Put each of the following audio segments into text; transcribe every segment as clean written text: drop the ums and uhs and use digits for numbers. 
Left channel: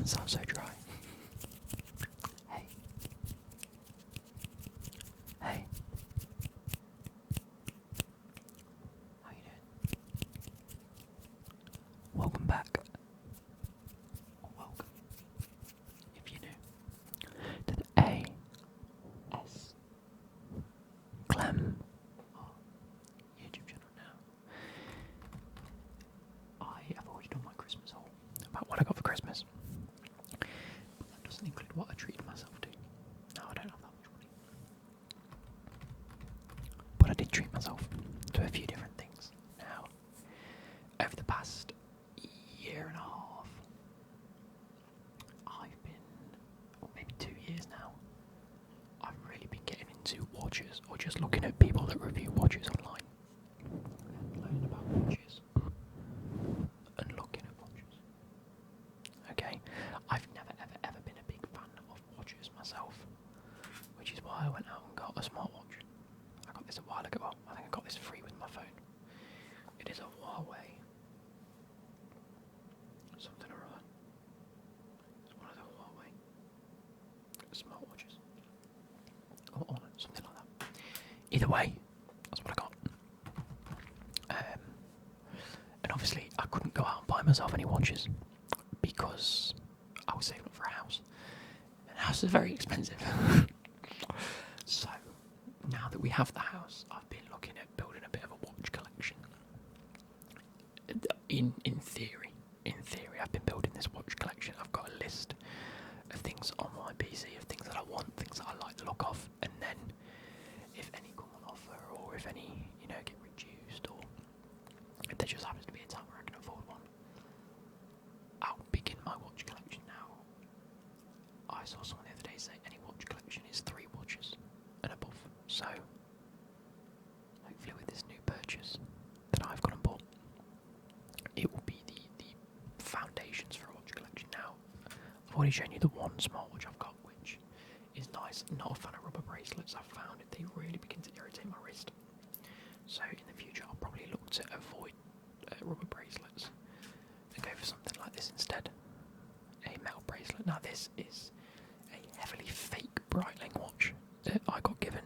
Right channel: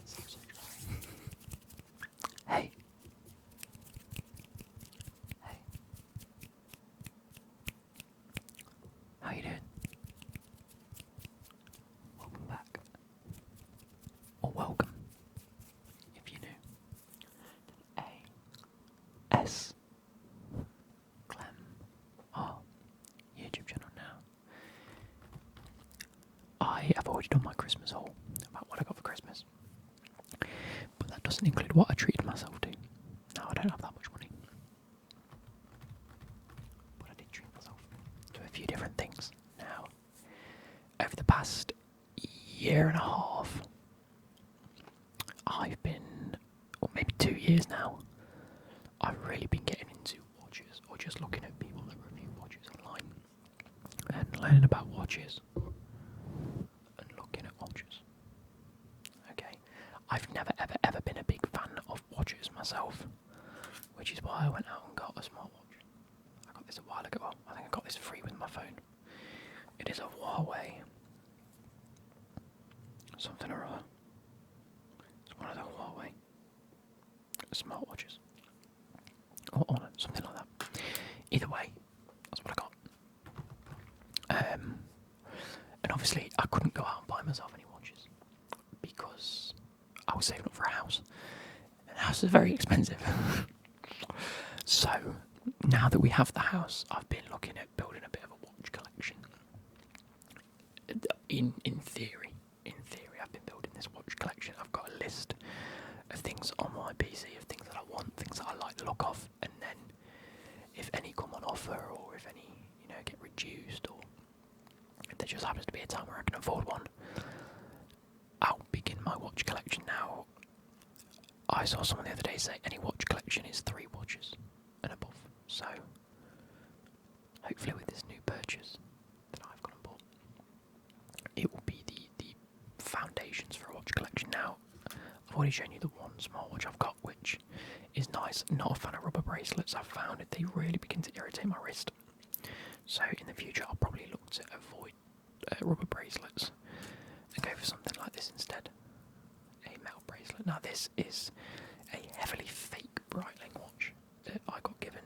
Man sounds so dry. Hey. Hey. How you doing? Welcome back. Or welcome, if you're new, to the A.S. Clem R YouTube channel now. I have already done my Christmas haul about what I got for Christmas. But that doesn't include what I treated myself to. No, I don't have that much money. But I did treat myself to a few different things. Now, over the past year and a half, I've been, or maybe 2 years now, I've really been getting into watches, or just looking at people that review watches online, and learning about watches, and looking at watches. Okay, I've never ever been a big fan of watches myself, which is why I went out and got a smartwatch. I got this a while ago. I think I got this free with my phone. It is a Huawei something or other. It's one of the Huawei smartwatches. Or Honor, something like that. Either way, that's what I got. And obviously I couldn't go out and buy myself any watches because I was saving up for a house. And a house is very expensive. So now that we have the house, I've been looking at building a bit of a watch collection. In theory, I've been building this watch collection. I've got a list of things on my PC, of things that I want, things that I like the look of, and then if any come on offer, or if any, get reduced, or if there just happens to be a time where I can afford one, I'll begin my watch collection now. I saw someone the other day say any watch collection is 3 watches and above, so hopefully with this new purchase that I've gone and bought, it will be the foundations for a watch collection. Now, I've already shown you the one smartwatch I've got, which is nice. Not a fan of rubber bracelets. I've found it, they really begin to irritate my wrist. So in the future, I'll probably look to avoid rubber bracelets and go for something like this instead. A metal bracelet. Now this is a heavily fake Breitling watch that I got given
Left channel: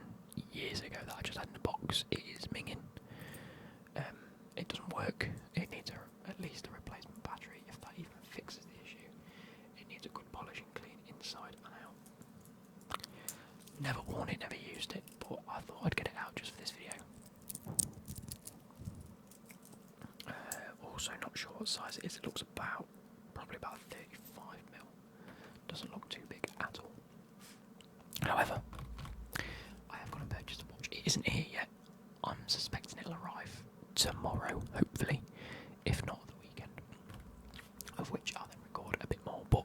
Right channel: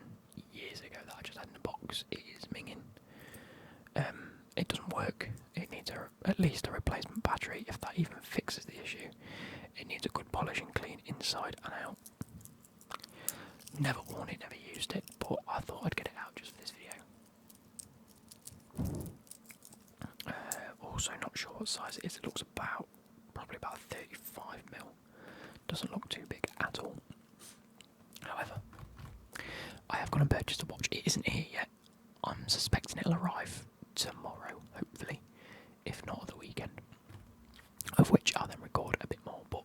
years ago that I just had in a box. It is minging. It doesn't work. It needs at least a replacement battery, if that even fixes the issue. It needs a good polish and clean inside and out. Never worn it, never used it, but I thought I'd get it out just for this video. Also not sure what size it is. It looks probably about 35mm. Doesn't look too big at all. However, I have gone and purchased a watch. It isn't here yet. I'm suspecting it'll arrive tomorrow, hopefully, if not the weekend. Of which I'll then record a bit more, but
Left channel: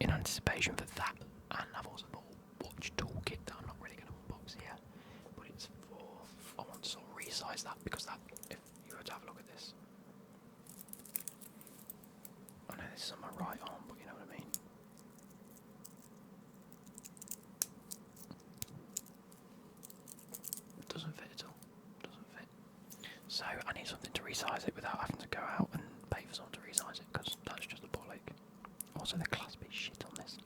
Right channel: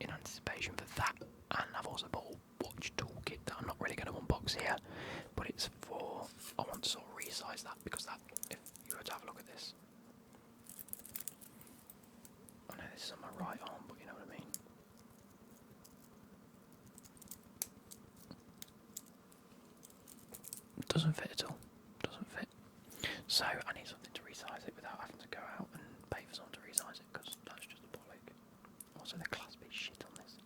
in anticipation for that, and I've also bought a watch toolkit that I'm not really going to unbox here, but it's for, I want to sort of resize that, because that, if you were to have a look at this, I know this is on my right arm, but you know what I mean. It doesn't fit at all. Doesn't fit. So I need something to resize it without having to go out and pay for someone to resize it, because that's just a bollock. Also, the clasp is shit on this.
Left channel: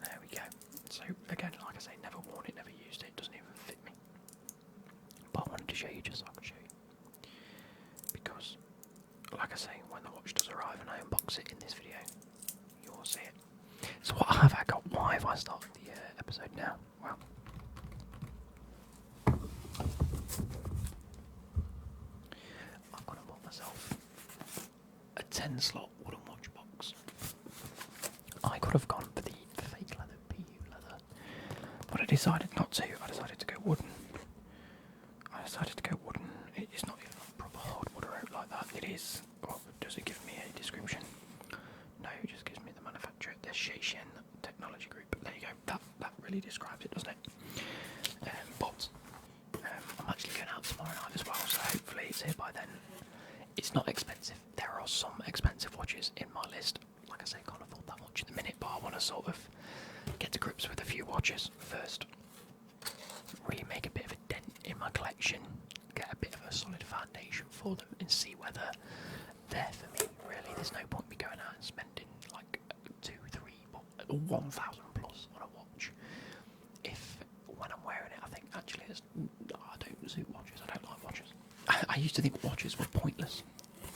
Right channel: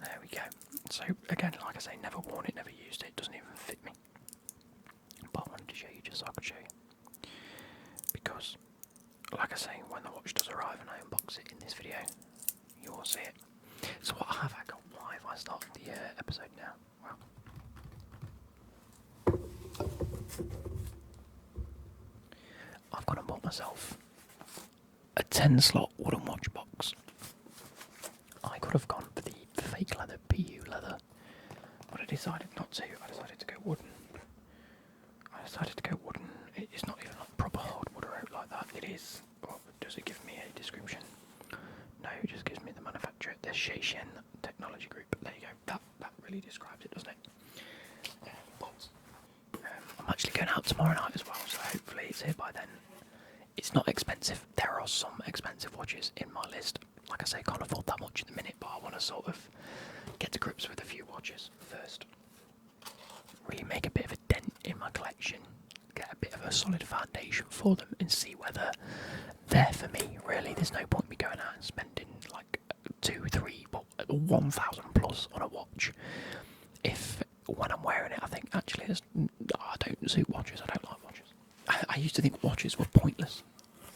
There we go. So again, like I say, never worn it, never used it. Doesn't even fit me. But I wanted to show you just so I could show you, because, like I say, when the watch does arrive and I unbox it in this video, you will see it. So what have I got? Why have I started the episode now? Well, I've gone and bought myself a 10-slot wooden watch box. I could have gone for the fake leather, PU leather, but I decided not to. I decided to go wooden. It's not even like proper hardwood or out like that. It is. Oh, does it give me a description? No, it just gives me the manufacturer, the Sheishen Technology Group. There you go. That really describes it, doesn't it? But I'm actually going out tomorrow night as well, so hopefully it's here by then. It's not expensive. There are some expensive watches in my list. Like I say, can't afford that much at the minute, but I want to sort of get to grips with a few watches first. Really make a bit of a dent in my collection, get a bit of a solid foundation for them, and see whether they're for me. Really, there's no point in me going out and spending like 2,000, 1,000 plus on a watch. If when I'm wearing it, I think actually I don't suit watches. I don't like watches. I used to think watches were pointless.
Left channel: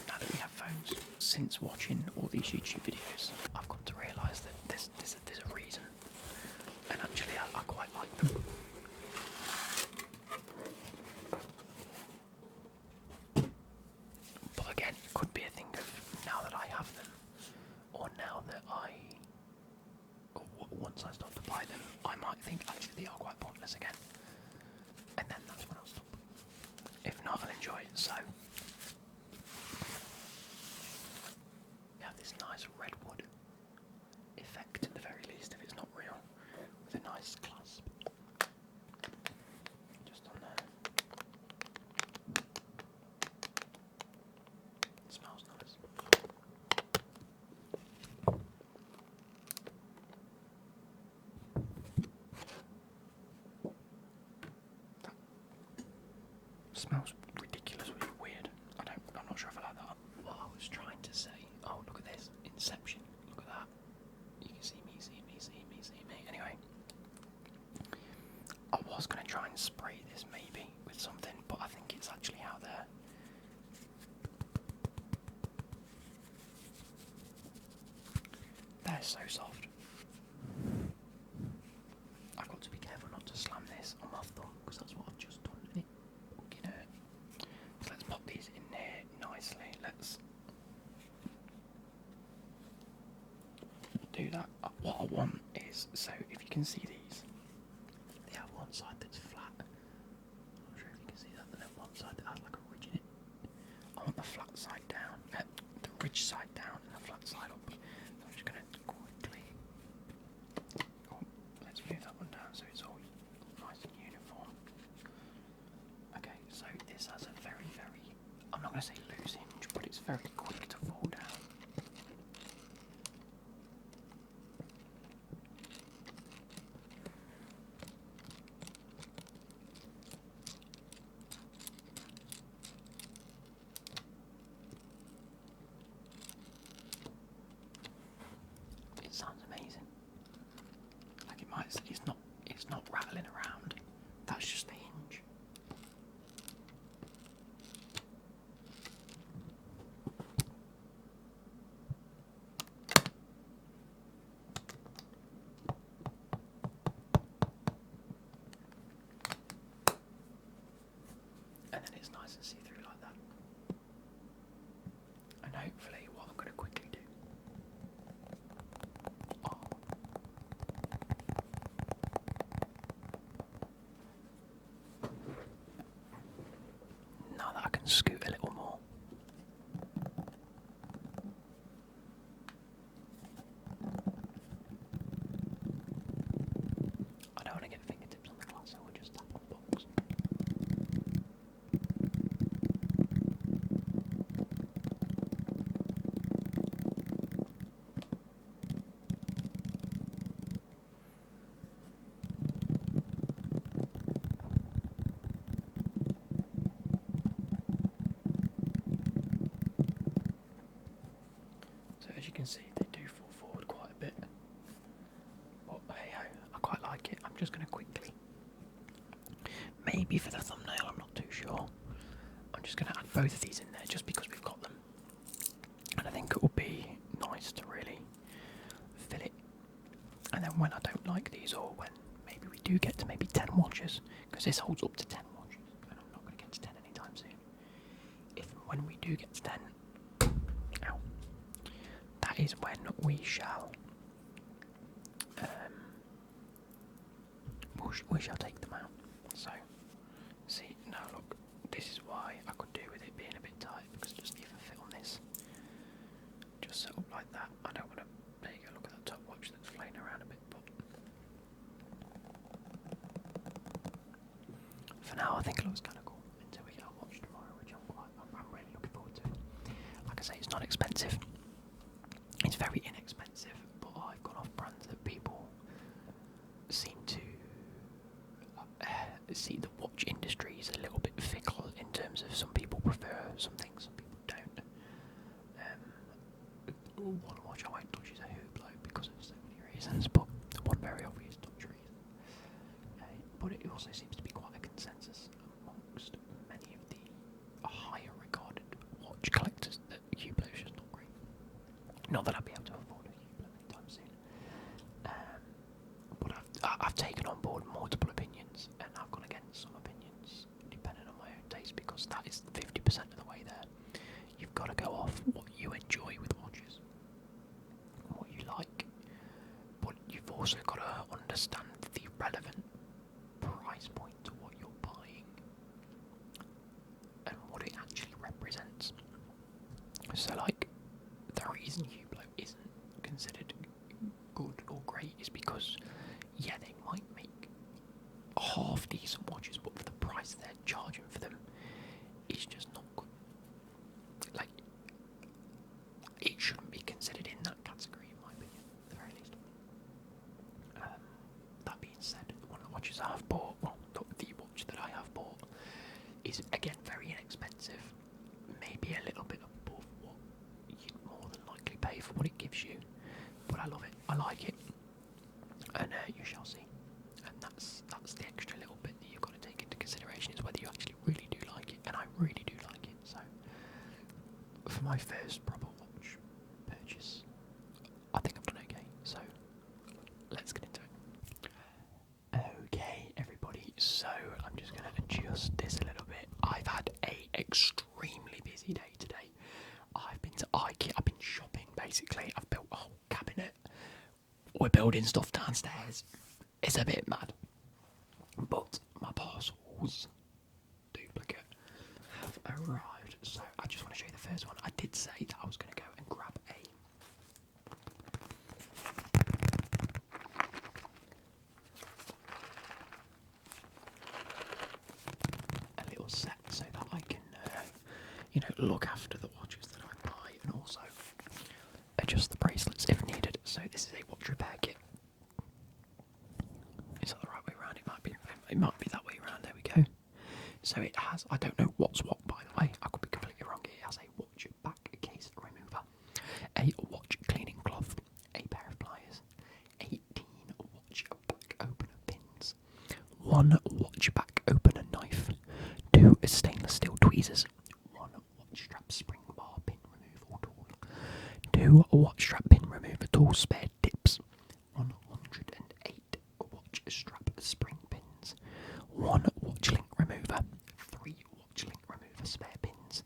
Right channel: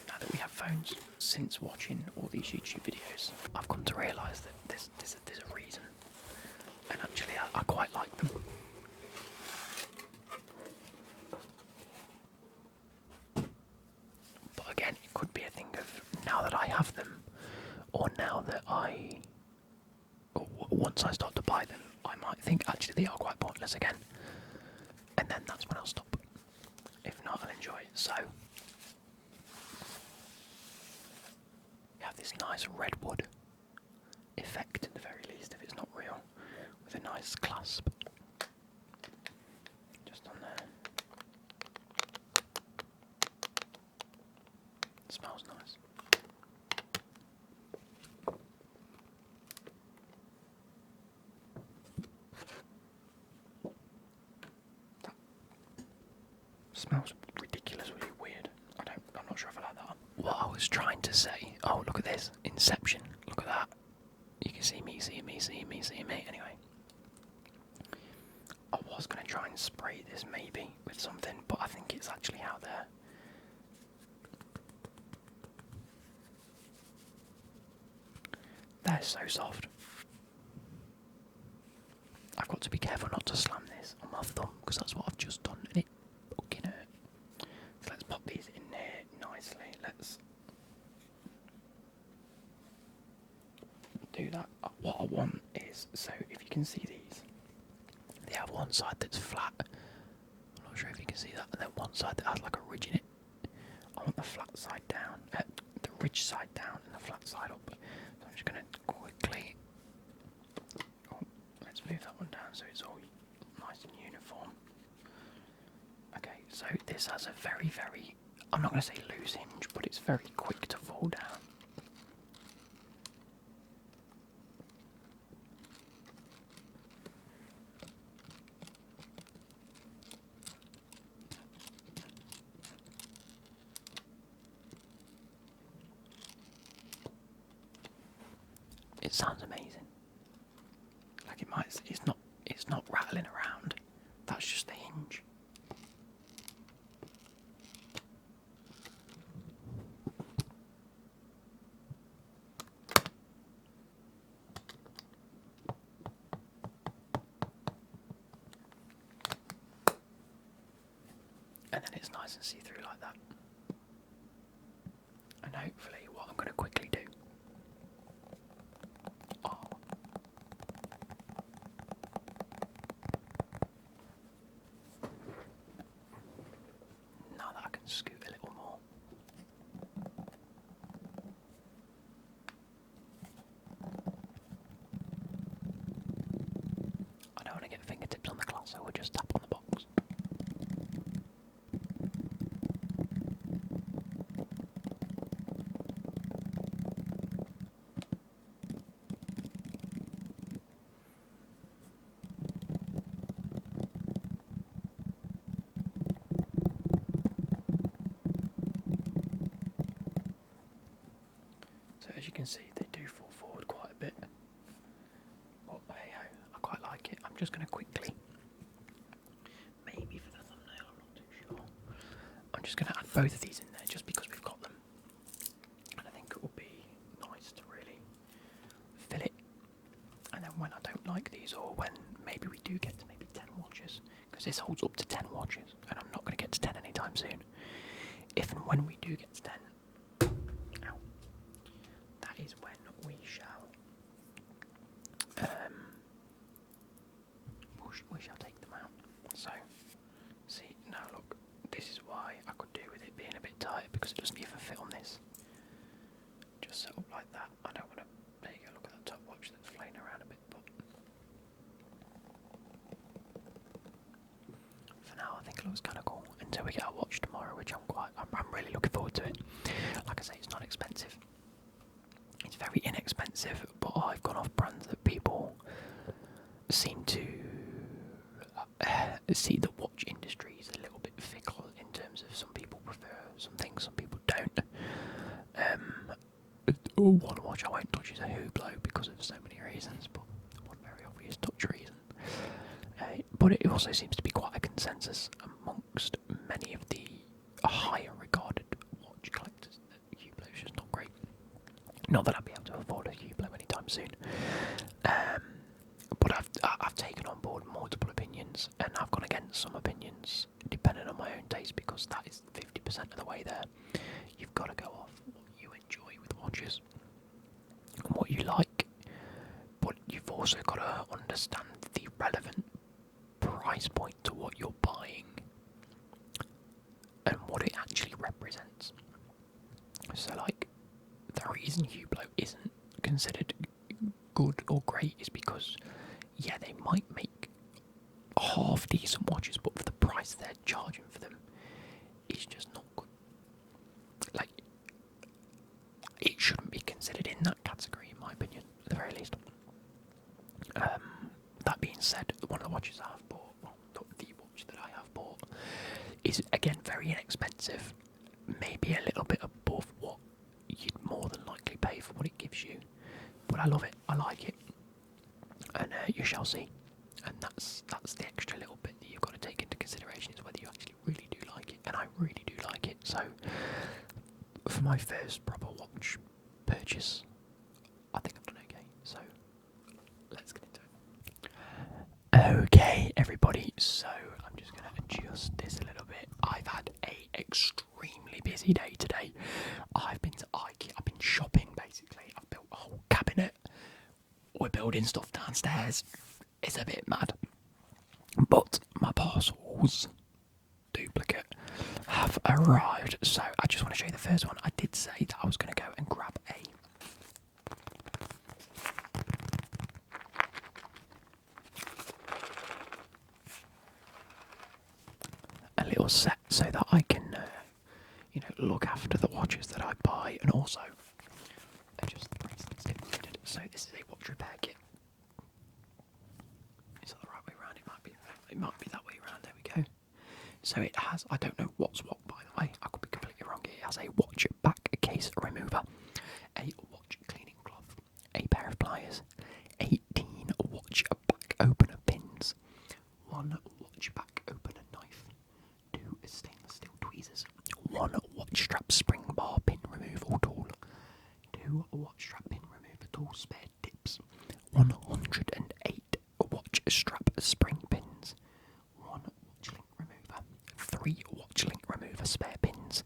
Now that we have phones, since watching all these YouTube videos, I've come to realise that there's a reason, and actually I quite like them. But again, it could be a thing of now that I have them, or now that once I start to buy them, I might think actually they are quite pointless again, and then that's when I'll stop. If not, I'll enjoy it. So we have this nice redwood effect at the very least, if it's not real, with a nice clasp just on there. It smells nice. Smells ridiculously weird. I'm not sure if I like that. What I was trying to say. Oh, look at this. Inception. Look at that. You can see me, see me, see me, see me. Anyway. I was going to try and spray this maybe with something, but I think it's actually out there. They're so soft. I've got to be careful not to slam this on my thumb, because that's what I've just done. And it fucking hurt. So let's pop these in there nicely. Let's do that. What I want is, so if you can see these, they have one side that's flat. I'm not sure if you can see that, and then one side that has like a ridge in it. I want the flat side down, the ridge side down, and the flat side up. So I'm just going to quickly. Oh, let's move that one down so it's all nice and uniform. Okay, so this has a very, very, I'm not going to say loose hinge, but it's very quick to fall down. It sounds amazing. Like it might, it's not rattling around. That's just the hinge. And then it's nice and see-through like that. And hopefully what I'm going to quickly do. Oh. Now that I can scoot a little more. I don't want to get fingertips on the glass, so we'll just tap on the box. So as you can see, they do fall forward quite a bit. But hey ho, I quite like it. I'm just going to quickly, maybe for the thumbnail, I'm not too sure. I'm just going to add both of these in there just because we've got them. And I think it will be nice to really fill it. And then when I don't like these, or when maybe we do get to maybe 10 watches, because this holds up to 10 watches, and I'm not going to get to 10 anytime soon. If and when we do get to 10, ow, that is when we shall we shall take them out. So, see, now look, this is why I could do with it being a bit tight, because it doesn't even fit on this. Just set up like that. I don't want to, there you go, look at that top watch that's flaying around a bit, but for now I think it looks kind of cool until we get our watch tomorrow, which I'm really looking forward to it. Like I say, it's not expensive. It's very inexpensive, but I've gone off brands that people seem to see the watch industry is a little bit fickle in terms of some people prefer some things, some people don't. One watch I won't touch is a Hublot because of so many reasons, but But it also seems to be quite a consensus amongst many of the higher regarded watch collectors that Hublot is just not great. Not that I'll be able to afford a Hublot anytime soon. But I've taken on board multiple opinions, and I've gone against some opinions depending on my own taste, because that is 50% of the way there. You've got to go off what you enjoy with watches and what you like, but you've also got to understand the relevant price point to what you're buying and what it actually represents. So, like, the reason Hublot isn't considered good or great is because, yeah, they might make half decent watches, but for the price they're charging for them, it's just not good. Like, it shouldn't be considered in that category, in my opinion, at the very least. That being said, one of the watches I have bought, well, the watch that I have bought, is again very inexpensive, maybe a little bit above what you'd more than likely pay for what it gives you, but I love it, I like it, and you shall see. And that's the extra little bit that you've got to take into consideration, is whether you actually really do like it, and I really do like it. So for my first proper watch purchase, I think I've done okay, so let's get into it. Okay, everybody, so I'm just going to adjust this a little bit. I've had a extremely busy day today. I've been to IKEA, I've been shopping basically, I've built a whole cabinet, we're building stuff downstairs. It's a bit mad, but my parcels, duplicate, have arrived. So I just want to show you the first one. I did say that I was going to go and grab a little set so that I can, look after the watches that I buy, and also adjust the bracelets if needed. So this is a watch repair kit. Is that the right way around? It might be that way around. There we go. So it has, I don't know what's what, by the way, I could be completely wrong. It has a watch back case remover, a watch cleaning cloth, a pair of pliers, 18 watch back opener pins, 1 watch back opener knife, 2 stainless steel tweezers, 1 watch strap spring bar pin removal tool, 2 watch strap pin remover tool spare tips, 108 watch strap spring pins, 1 watch link remover, 3 watch link remover spare pins,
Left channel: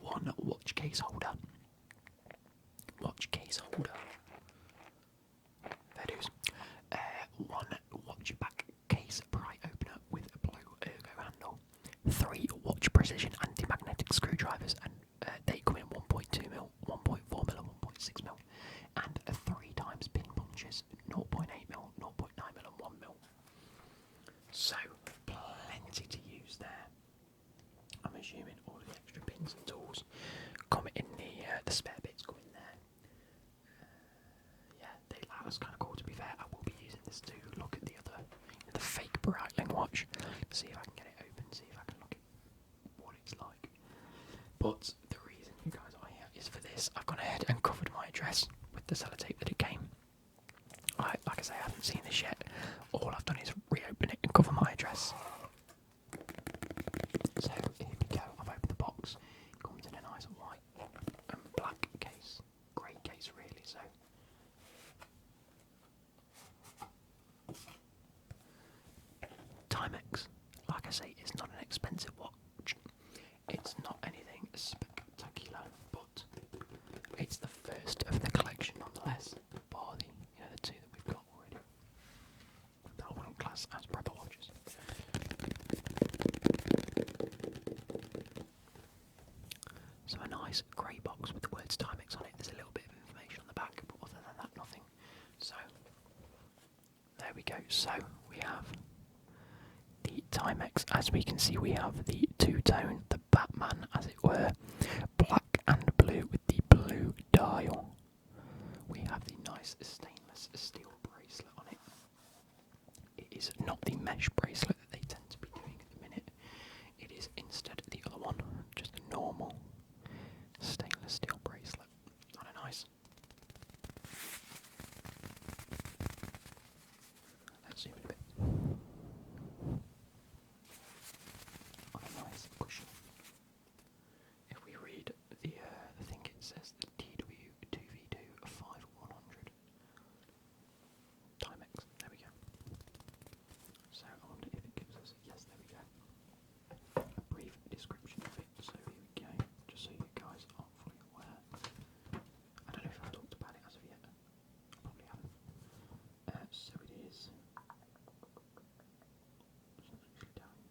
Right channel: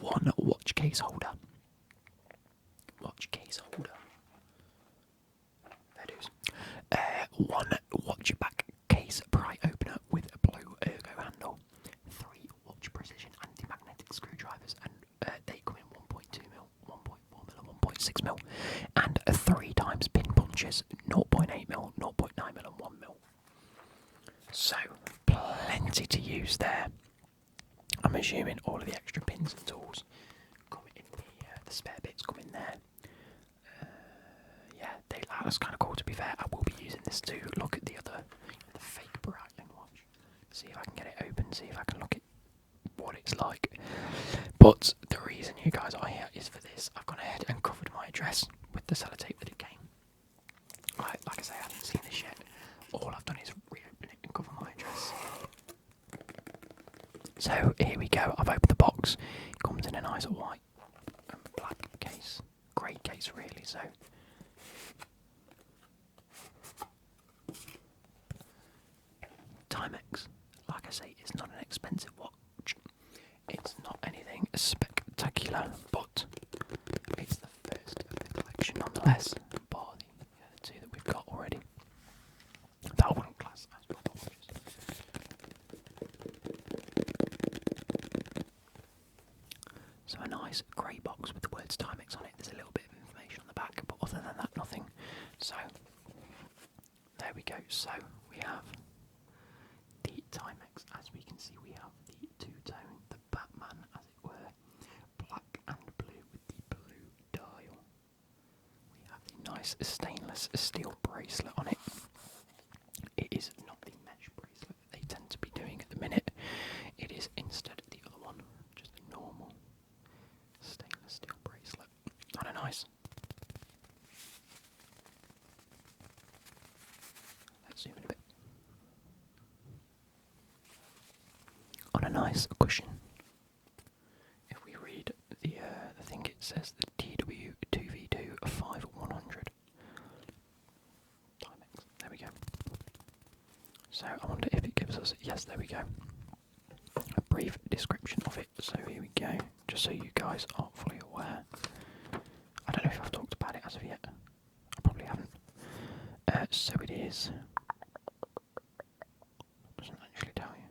1 watch case holder. Fair dues. 1 watch back case pry opener with a blue ergo handle, 3 watch precision anti-magnetic screwdrivers, and they come in 1.2mm, 1.4mm and 1.6mm, and 3 times pin punches, 0.8mm, 0.9mm and 1mm. So, plenty to use there. I'm assuming all of the extra pins and tools come in the spare bits come in there. That's kind of cool, to be fair. I will be using this to look at the fake Breitling watch, see if I can get it open, see if I can look at what it's like. But the reason you guys are here is for this. I've gone ahead and covered my address with the sellotape that it came. Like I say, I haven't seen this yet. All I've done is reopen it and cover my address. So here we go. I've opened the box. It comes in a nice white and black case, grey case really. So Timex, like I say, is not an expensive watch. It's not anything spectacular, but it's the first of the collection nonetheless. Bar the 2 that we've got already. That I wouldn't class as proper watches. So a nice grey box with the words Timex on it. There's a little bit of information on the back, but other than that, nothing. So there we go. So we have the Timex. As we can see, we have the two-tone, the Batman, as it were, black and blue with the blue dial. We have the nice stainless steel bracelet on it. It is not the mesh bracelet that they tend to be doing at the minute. It is instead the other one, just a normal stainless steel bracelet. Kind of nice. Let's zoom in a bit. says the TW2V2 5100 Timex. There we go. So I wonder if it gives us. Yes, there we go. A brief description of it. So here we go. Just so you guys are fully aware. I don't know if I've talked about it as of yet. I probably haven't. So it is. Doesn't actually tell you.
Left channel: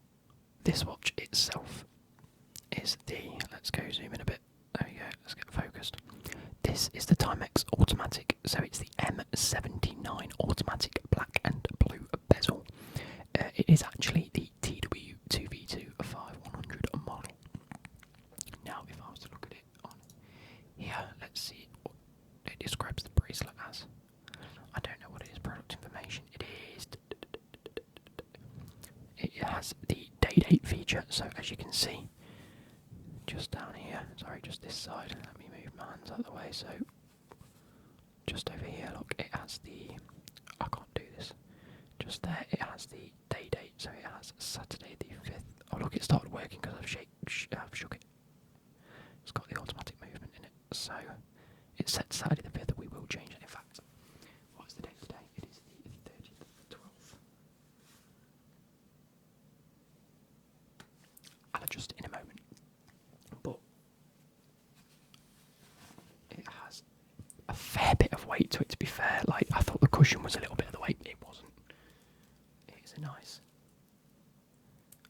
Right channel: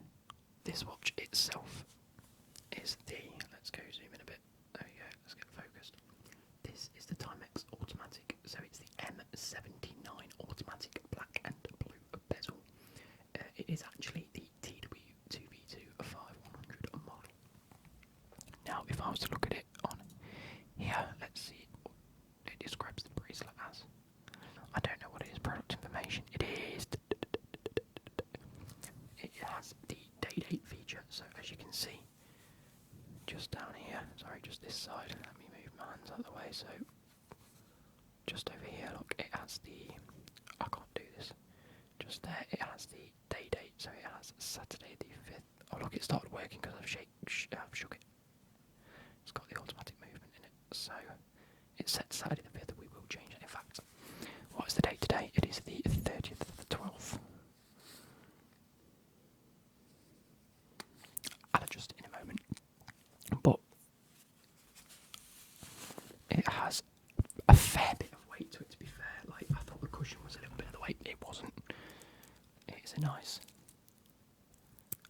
This watch itself is the. Let's go zoom in a bit. There we go. Let's get focused. This is the Timex automatic. So it's the M79 automatic black and blue bezel. It is actually the TW2V2 5100 model. Now, if I was to look at it on here, let's see what it describes the bracelet as. I don't know what it is, product information. It is. It has the day date feature, so as you can see, just down here, sorry, just this side, let me move my hands out of the way, so just over here, look, it has the, I can't do this, just there, it has the day date, so it has Saturday the 5th, oh look, it started working because I've shook it, it's got the automatic movement in it, so it said Saturday the 5th, we will change it, in fact, what is the date today? It is the 30th of the 12th. I'll adjust it in a moment, but it has a fair bit of weight to it, to be fair. Like, I thought the cushion was a little bit of the weight, it wasn't. It is a nice.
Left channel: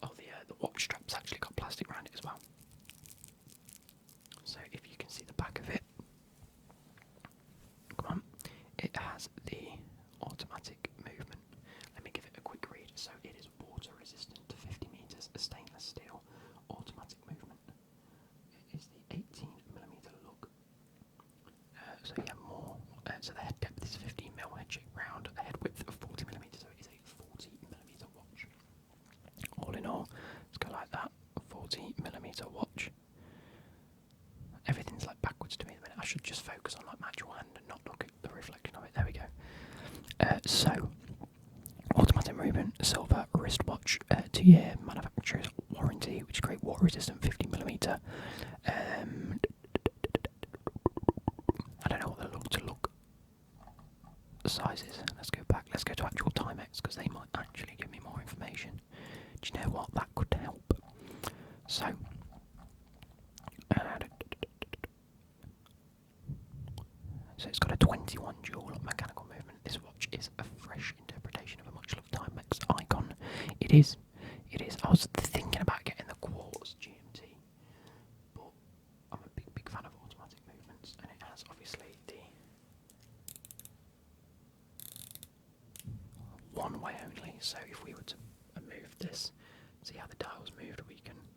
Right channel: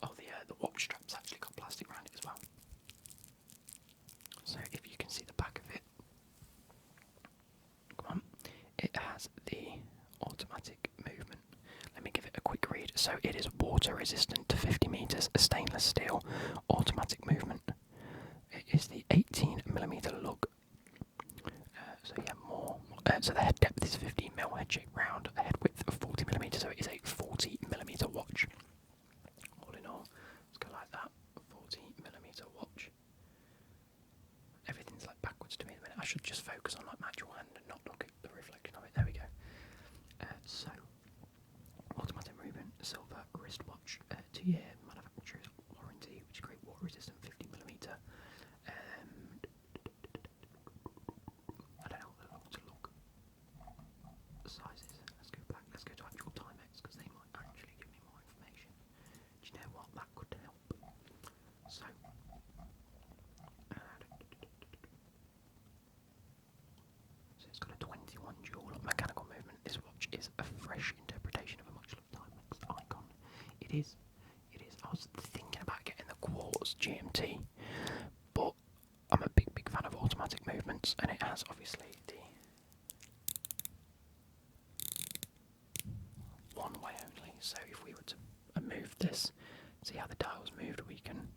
Oh, the watch strap's actually got plastic around it as well. So if you can see the back of it, come on, it has the automatic movement. Let me give it a quick read. So it is water resistant to 50 meters, a stainless steel, automatic movement. It is the 18mm lug. So yeah, more. So the head depth is 15mm, head shape round, a head width of 40mm, so it is a 40mm watch. All in all, let's go like that, 40mm watch. Everything's like backwards to me at the minute. I should just focus on like my actual hand and not look at the reflection of it. There we go. So, automatic movement, silver wristwatch, 2-year manufacturer's warranty, which is great, water resistant, 50mm. I don't know what the look size is. Let's go back. Let's go to actual Timex because they might actually give me more information. Do you know what? That could help. So, it's got a 21 joule mechanical movement. This watch is a fresh interpretation of a much loved Timex icon. It is. It is. I was thinking about getting the quartz GMT, but I'm a big fan of automatic movements, and it has obviously the one way only. So if we were to move this, see how the dial's moved, we can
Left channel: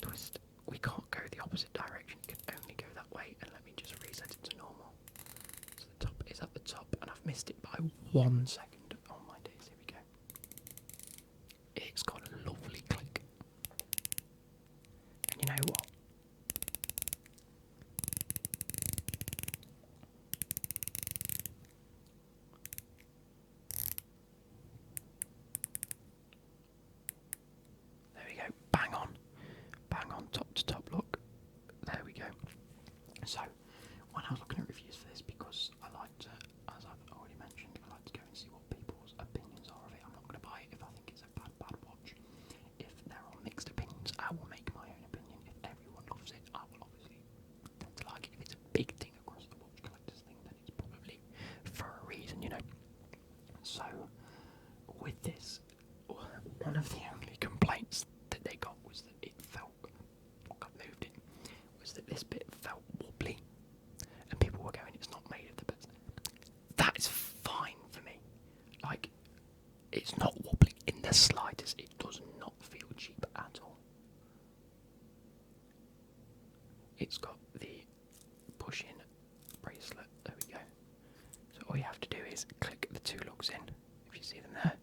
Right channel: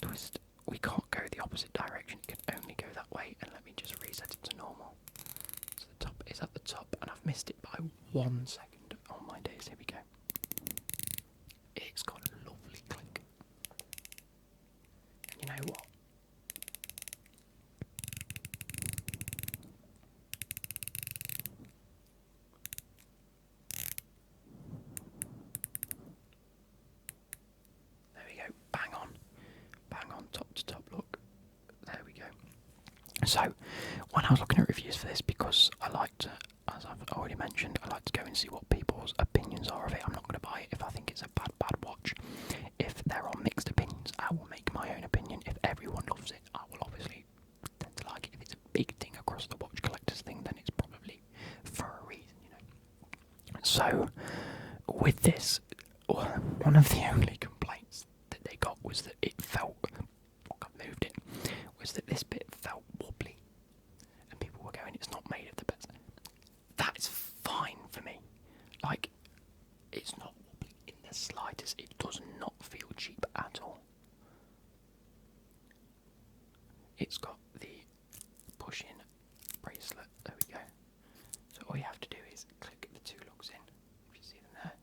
twist. We can't go the opposite direction, it can only go that way, and let me just reset it to normal. So the top is at the top, and I've missed it by 1 second. Oh my days, here we go. It's got a lovely click. And you know what? There we go, bang on, top to top, look, there we go. So, when I was looking at reviews for this, because I like to, as I've already mentioned, I like to go and see what people's opinions are of it. I'm not going to buy it if I think it's a bad watch. If there are mixed opinions, I will make my own opinion. If everyone loves it, I will obviously tend to like it. If it's a big thing across the watch collectors thing, then it's probably for a reason, you know. So, with this, one of the only complaints that they got was that it felt, I've moved it, was that this bit felt wobbly, and people were going, it's not made of the best. That is fine for me. Like, it's not wobbly in the slightest. It does not feel cheap at all. It's got the push-in bracelet. There we go. So all you have to do is click the two lugs in, if you see them there,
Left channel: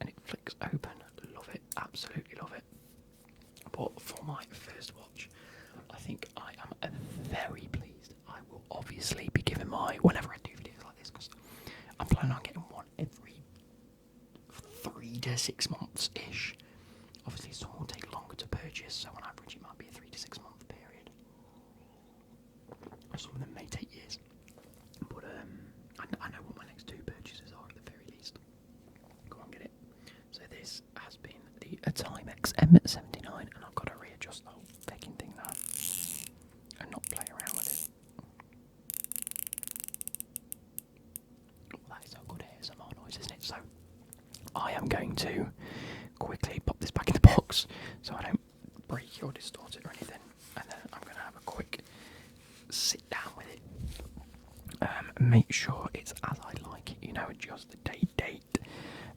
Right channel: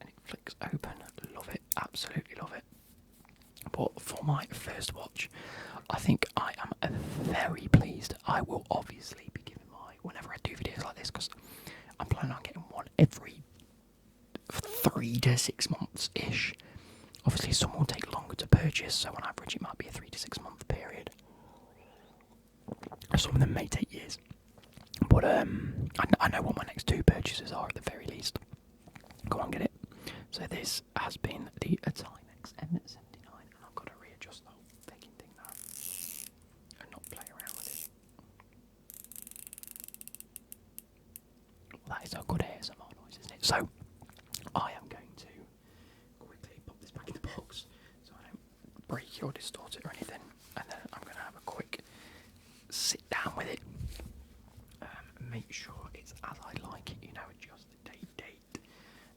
and it flicks open. Love it, absolutely love it. But for my first watch, I think I am very pleased. I will obviously be giving whenever I do videos like this, because I'm planning on getting one every 3 to 6 months ish. Obviously, some will take longer to purchase, so on average, it might be a 3 to 6 month period. Some of them may take years, but I know what my next 2 purchases are at the very least. Go on, get it. So this has been the Timex M79, and I've got to readjust the whole fucking thing now and not play around with it. Well, that is a good ASMR noise, isn't it? So I am going to quickly pop this back in the box so I don't break or distort it or anything, and then I'm going to have a quick sit down with it, make sure it's as I like it, adjust the date,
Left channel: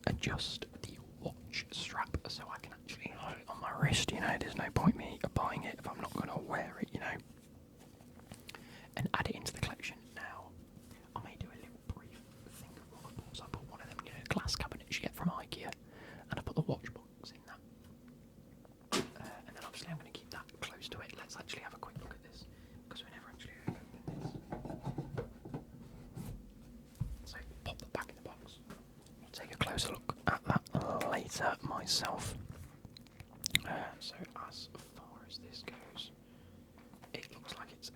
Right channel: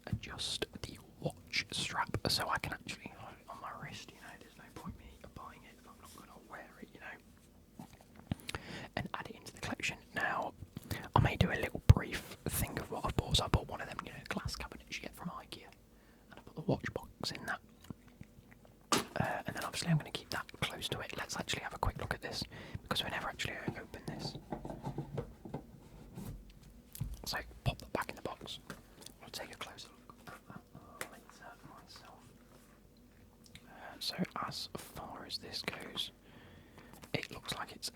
adjust the watch strap so I can actually hold it on my wrist, there's no point me buying it if I'm not going to wear it, and add it into the collection. Now, I may do a little brief thing of what I've bought. So I bought one of them, glass cabinets you get from IKEA, and I put the watch box in that. And then obviously I'm going to keep that close to it. Let's actually have a quick look at this, because we never actually open this. So pop that back in the box. I'll take a closer look at that later myself. So as far as this goes, it looks like it's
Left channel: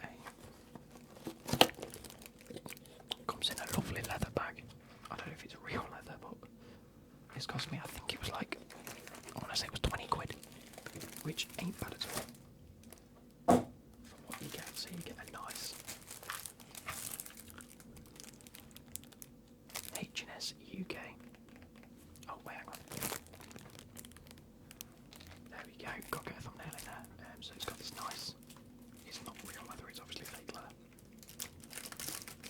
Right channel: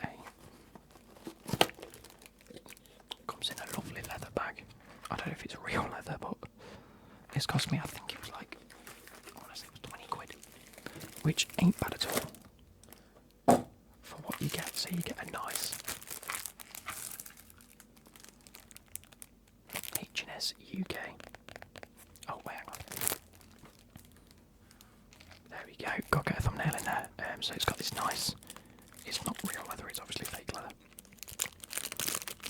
comes in a lovely leather bag. I don't know if it's real leather, but it's cost me, I think it was like, I want to say it was 20 quid, which ain't bad at all for what you get. So you get a nice H&S UK. Oh, wait, hang on. There we go. Got to get a thumbnail in there. So it's got this nice, it's not real leather, it's obviously fake leather.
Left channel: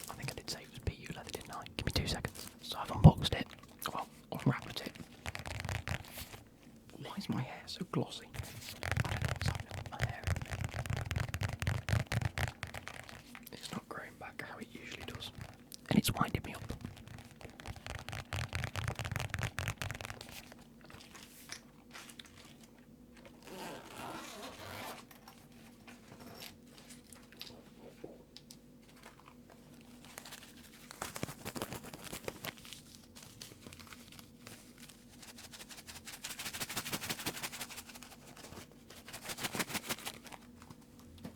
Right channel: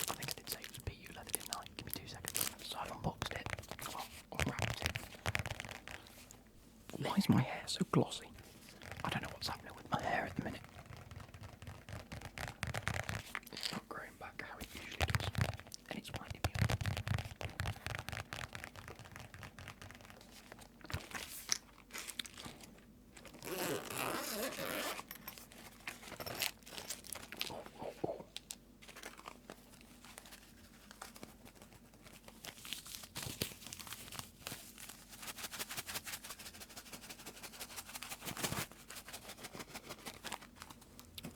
I think I did say it was PU leather, didn't I? Give me 2 seconds. So I've unboxed it. Well, unwrapped it. Why is my hair so glossy? I don't know what's happening with my hair at the minute. It's not growing back how it usually does. And it's winding me up.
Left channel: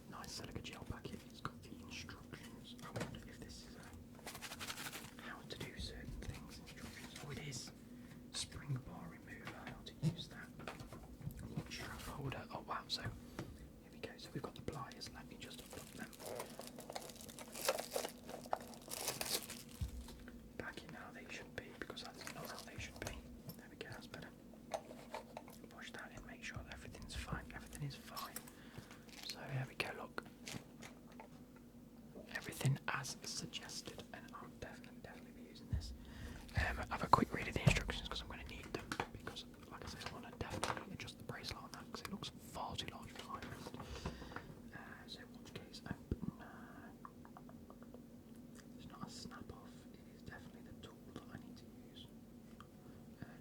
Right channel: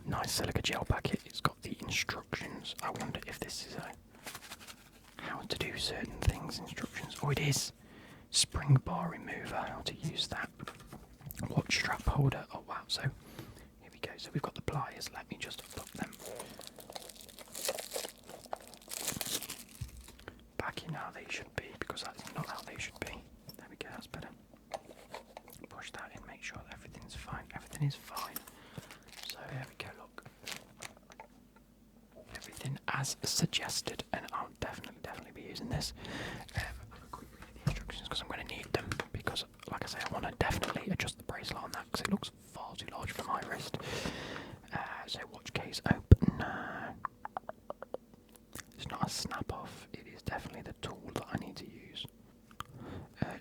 Nice silica gel packet. It's got the instructions. I wonder if this is how to do certain things instructions. Oh, it is. Spring bar remover. How to use that. Watch strap holder. Oh wow. So here we go. So we've got the pliers. Let me just put them back in how they should be, because that's not how they should be. There we go. That's better. Push that in. Make sure that everything's fine. Everything is fine. So there we go, look. Everything as suggested, and I'll definitely be using this. Have a quick read of the instructions, because I'm going to need them, because like I say, I want to definitely adjust the bracelet on that, because it looks far too large for my wrist. So watch case open. It's not a snap off, it is definitely the tool that I need to use.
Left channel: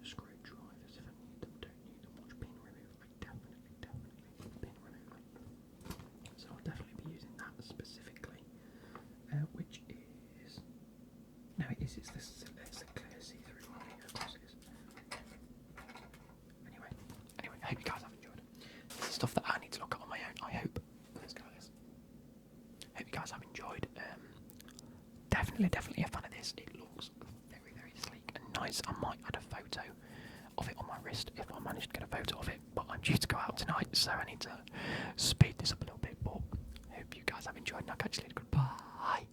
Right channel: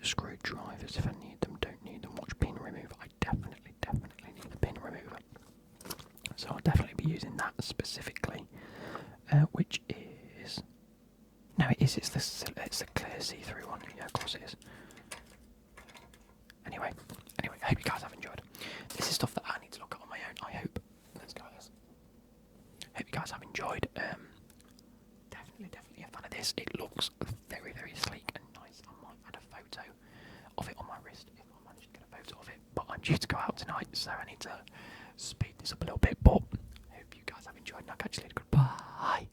Screwdrivers if I need them, don't need them. Watch pin remover, I definitely need the pin remover. So I'll definitely be using that specifically, which is, no, it's a clear see-through one. Yeah, of course it is. Anyway, I hope you guys have enjoyed. This is stuff that I need to look at on my own. I hope. Let's go, guys. Hope you guys have enjoyed. Definitely a fan of this. It looks very sleek and nice. I might add a photo of it on my wrist if I manage to get a photo of it, but I'm due to go out tonight, so I need to speed this up a little bit. But I hope you guys have enjoyed, and I'll catch you later. Goodbye.